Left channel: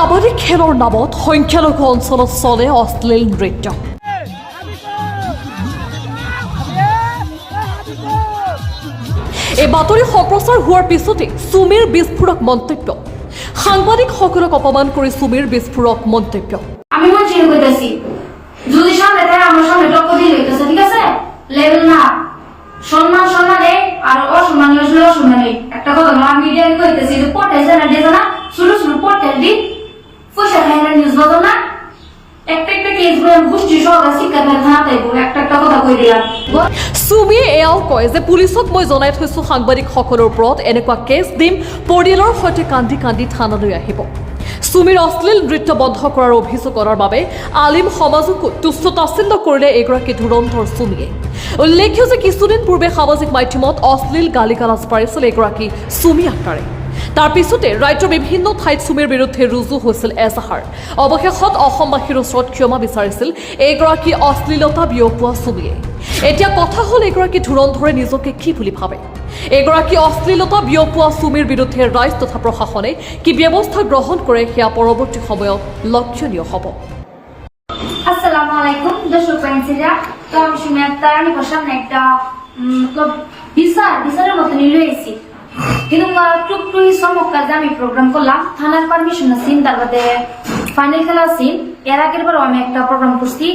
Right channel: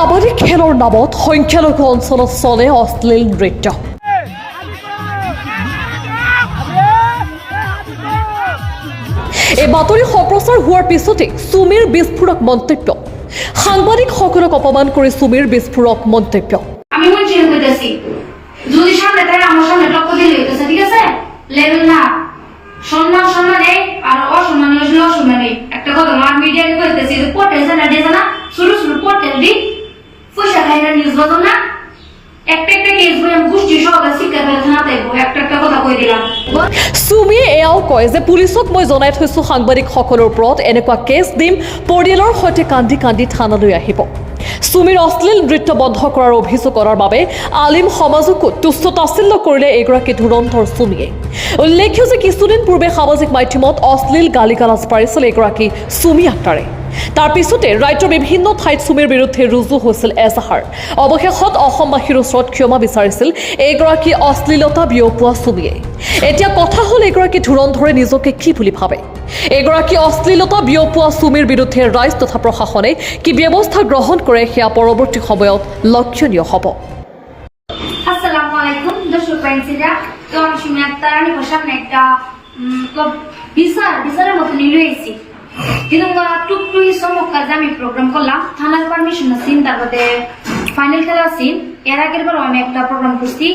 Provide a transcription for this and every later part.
কাবাডী খেলৰ নামত সংখ্যালঘু অঞ্চলত চলে অশ্লীল নৃত্য। এই বাতৰি সম্প্ৰচাৰ হোৱাৰ পিছতে সুমিৰ বিস্ফোৰক মন্তব্য। সাংবাদিকসকলক অপমান কৰি সুমিৰ বিস্ফোৰক মন্তব্য। আমি বলছি কইতাছি যদি সামনে থেকে আমার সামনে টক্কর দিলে হইতাছে, ঠিক আছে? লেভেল না সম্মান সম্মানে আর অসম্মানে আসলে অসম্মানে একটা কথা না। মিডিয়া কইতাছি যে পোর্টাল জানা দিয়ে না শুরু শুরু পোর্টাল দি পয়সা খায় না নিউজ বাদো না একটা কেস বই আমি গোষ্ঠী সহকারে শিক্ষা পেলে থানাতে একটা কথা কই দিলাম। সুমিয়ে এয়াও কয় যে পুলিচক মই জনাই থৈছো সাংবাদিকসকলৰ ওপৰত এনেকুৱা কেছ দিম, পৰিয়ালৰ সৈতে কান্দি কান্দি থানালৈ আহিব। সুমিৰ অশ্লীল নৃত্য বন্ধ কৰাৰ অভিযোগ কৰাৰ বাবে আলিম সমাজকো তুচ্ছ তাচ্ছিল্য কৰিলে এগৰাকী ধুৰন্ধৰ সুমিয়ে। উল্লেখ্য যে কিছুদিন পূৰ্বে সামাজিক মাধ্যমত অশ্লীল গালি গালাজ পাৰিছিল এগৰাকী সুমি আক্তাৰে। তাৰ পিছতে ৰাজ্যৰ বিভিন্ন ঠাইত সুমিৰ বিৰুদ্ধে ৰুজু হৈছিল এজাহাৰ। অৱশেষত অসমবাসীৰ ওচৰত ক্ষমা বিচাৰিছিল এগৰাকী অশ্লীলতা বিয়পোৱা সুমিয়ে। এতিয়া কথা হ'ল এগৰাকী ধুৰন্ধৰে নিজকে কি বুলি ভাবে। এগৰাকী অশ্লীলতা বিয়পোৱা সুমিৰ বিৰুদ্ধে ৰাইজ তথা প্ৰশাসনে কি ব্যৱস্থা গ্ৰহণ কৰে সেয়া পৰৱৰ্তী সময়ত লক্ষণীয় হ'ব। আসসালামু আলাইকুম দর্শক ফ্রেন্ডসরা, তো আমি সুমি আক্তার। আমি সামনে একটা বিচারের মতো নিয়ে এসেছি, কিন্তু টুকটুই চমৎকার যে আমি প্রোগ্রাম করলাম থানার পারমিশন আছি, তারপরে ফাইনাল খেলা আছি। এর আগের বারও আমি একটা প্রোগ্রাম করছি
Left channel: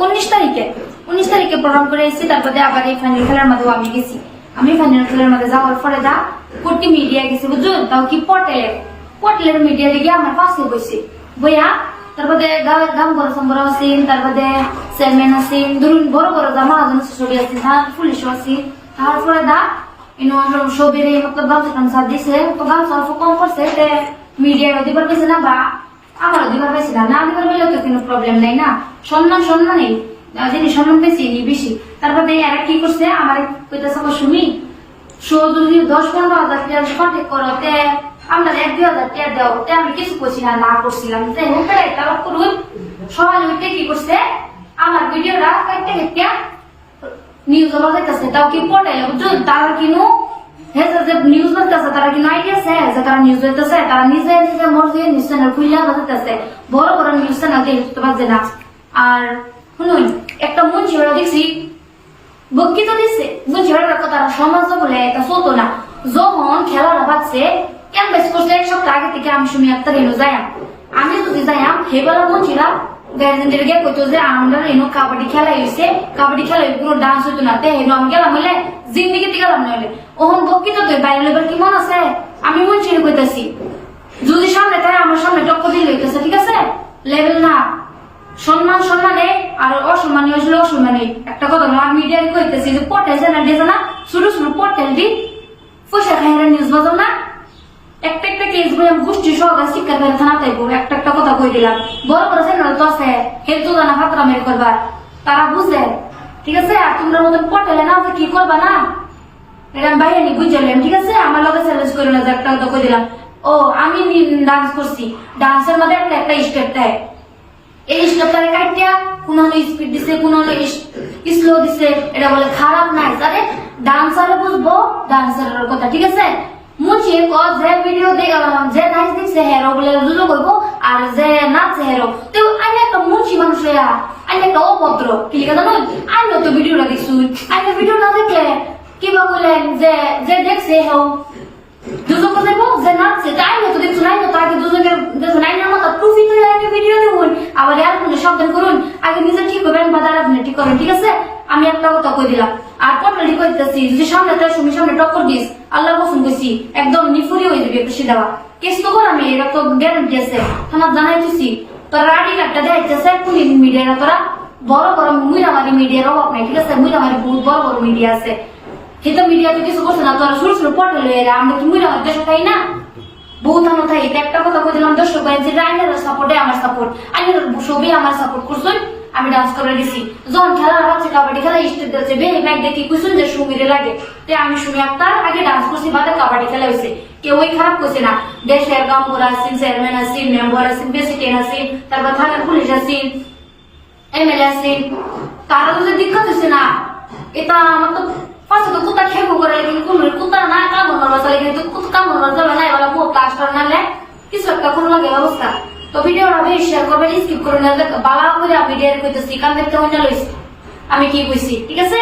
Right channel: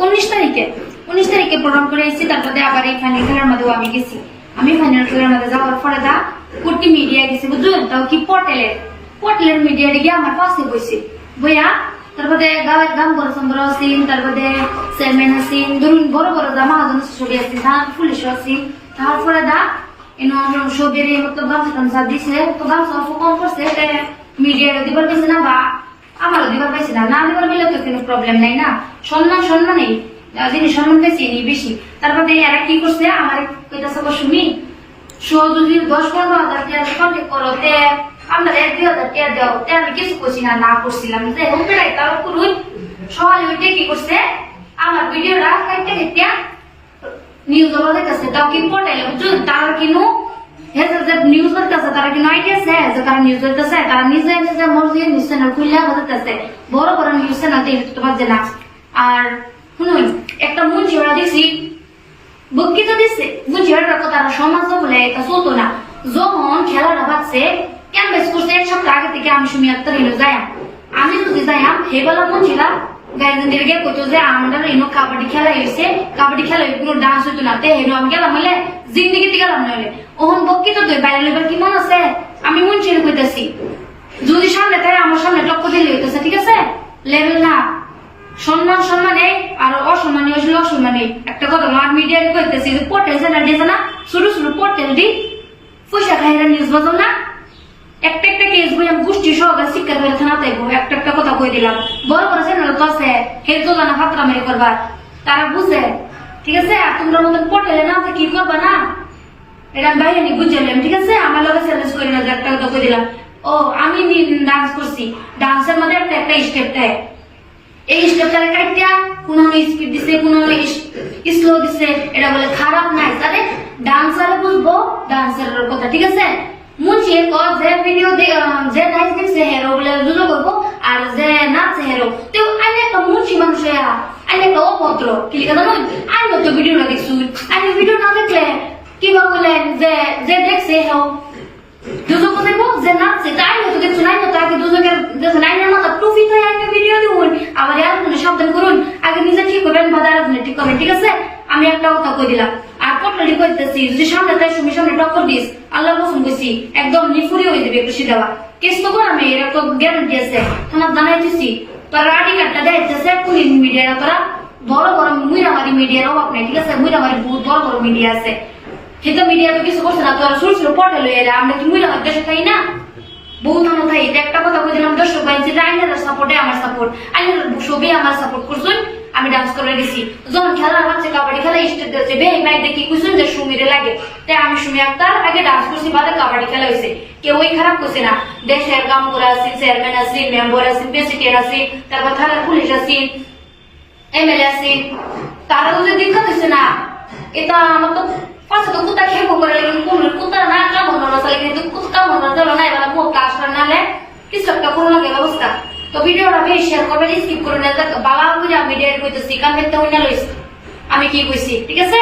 19 তারিখে প্রোগ্রাম করে এসেছি। তারপরে আবার এই ফাইনাল খেলার মধ্যেও আমি গেছি। আমি ফাইনাল খেলার মধ্যে যাওয়ার পরে কোটি মিডিয়া গেছি, বুঝুন, তাও কি পোর্টালের মিডিয়া গিয়ে আমার পাশে বসে বইয়া। তারপরে গান বড় আছেন, তারপরে চেয়ারম্যান আছেন, ধরুন বড় বড় মহাজন ছবি আছে, পুলিশও আছে। তারপরে সবের মতলব গামছা দিছে, গামছা কম করছে, মিডিয়াটা দিবার পাইছে না বা আমারও দিবার পাইছে না দিবার পেলে তো কোনো প্রবলেম নাই না। সম্মান নেই, যিনি সম্মান পেয়েছি নি বেশি। তারপরে এরা কি করছে আমার কইতাছে শুনি যদি 10-15 হাজার কন্ট্যাক্ট করো আমরা 1-2 হাজার টাকা দেওয়া আমি কিছু করছি না করছিলাম যে হোমটাই তারা করুন। সকালে উঠে কি করছে আমার ভিডিওটা কাটতে কেটে নিউজ বাজাইতেছে, তাও কি পোর্টালে বুঝুন। তারা কিনু নিউজ বাজাইতেছে, তারা কিনু আইডিয়া আছে যে কারণ নিউজ বাজাইতেছে, তারা নিজে মর্জি নিউজ চ্যানেল খুললে বাজাইতেছে, বড় বড় নিউজ চ্যানেল তো বাজে না। আর শুনুন, একটা মুন্সি ওরা দেখছি বক্তৃত দিচ্ছে, মুন্সি ওরা কথা সমাজ বলে এটা চলতো না। যখন খেলাটা বাজছে ক্যানভাস করছে 1 সপ্তাহ আগে থেকে আমি সুমি আক্তার যাইম, আমি যদি যাইম হেবেলা মুন্সিরা গার্জেনদের গিয়ে কইতো যে আমরা কাবাডি খেলা হয়েছে, কাবাডি খেলা কোনো ডান্স হইতো না, আমি গেলাম হইলে জিন্দিগিতে গেলাম নইলে ওহন বক্তৃত তুই বাইরে লেবার কি মন আছে। আমি মুন্সিরে কইতাছি যদি সামনে তাই আমার সামনে টক্কর দিলে হইতেছে, ঠিক আছে? লেভেল না সম্মানে আর অসম্মানে আসলে অসম্মানে একটা কথা না। মিডিয়া কইতেছি যে পোর্টাল জানা দিয়ে না শুরু শুরু পোর্টাল দি পয়সা খায় না নিউজ বাজো না একটা কেস বই আমি গোষ্ঠী সহকারে শিক্ষা পেলে থানাতে একটা কথা কই দিলাম। বড় বড় চ্যানেল তো আছে, হে তো জানা ফাতরা মেরে করবা, তারা বুঝে, ঠিক আছে? আর তোমরা মতন পোর্টালে না কি করবা না এটা আমি বাইরে বুঝলাম, ঠিক আছে? আমার লগে চ্যালেঞ্জ করে না যে একটা কথা কই দিলাম। ও আমি ডান্স করছি, ডান্সের মধ্যে একটা স্টেপ দেয়, এই স্টেপটা কাটিয়া কোন স্পিড দিছে কোন স্লো দিছে, এটা বলে খারাপ নাই। তাহলে ডান্সারে বুঝবো ডান্সারের কথা, ঠিক আছে? মুন্সি যে ভিডিও যে নাচ দেখছে হেরো বলে জুজো করবো, আর যে নাচছে হেরো তো আইনে একটা মুন্সি মানুষ আইনে একটা অভদ্র কি লিখা জানো। আইনে তো ভিডিওটা দেখছু, আইনে ভিডিও না দেখলে কি বা বললেন যে দেখছে হেরো দুজো করবো, যে নাচছে আইনে তো দেখছু, আইনে তো আগে দুজনের দেখছেন, আইনের মাথা টুপি তো আইনে ভিডিও দেখুন, আবার আরেকজনে সাবধান করুন, আগে নিজে ঠিক করবেন বা আরেকজনে ঠিক করবেন, ঠিক আছে? আমি একটা কথা কই দিলাম। আর পোর্টালি কইতেছি যদি সামনে তাই সুমি সামনে টক্কর দিস আল্লাহ কসম কইছি একদম নিফুরি হয়ে যাবে খুশি দেওয়া কেস তো কর। আমি এরা তো গ্যারান্টি আছে, তোমার জানাই দিছি। তোরা আইডি কার্ডটা দেখাইতেছে কোন মিডিয়াটা, তোরা বড় বড় মুইরামারি মিডিয়ার অভাব নাই, ঠিক আছে? মুইরামারি বহুত বড় বড় মিডিয়া আছে, কিন্তু মিডিয়া তো কিছু করছে না। তোরা শুরু শুরু পোর্টালে এরা আমরা কি মুইরামারি দেশে খাই না বহুত আনো থাই। একটা কথা কই দিলাম দর্শক ভাই, যে আইনের সাপোর্টে আমার সাপোর্ট, আইনের সবই আমার সাপোর্ট করছেন। আমি ডান্স করে গেছি যখন খেলা হচ্ছে কাবাডি খেলা স্টেট দিয়েছে বে ভাই দেখি কুইছেন যে সুমিরে লাগে, তাই আমি সুমি আক্তার আগে ডান্স করছি, বাদে কাবাডি খেলা হয়েছে। কেউ ওই খারাপ করছে না। দেশের গামপুরা আছেন, চেয়ারম্যান আছেন, মেম্বার আছেন, প্রেসিডেন্ট আছেন, তারপর থানার পুলিশ আছেন, এমএলএ আছেন, তারা যদি দিক্কত হয়েছে না। এটা আমার তো পাশে তো কুত্তা খেয়ে করে কোন কুত্তা না কামড় মারছে, কিন্তু কামড় মারছে না এবার কাজ করে নালে কিছু একটা কোনো লাগে ব্যবস্থা। তো ভিডিওটা বেশি শেয়ার করবেন, স্কিপ করবেন, বালা করে আমি ভিডিও কইতেছি, কান দেখতে হইনা লইছি আমি কি কইছি, ঠিক আছে?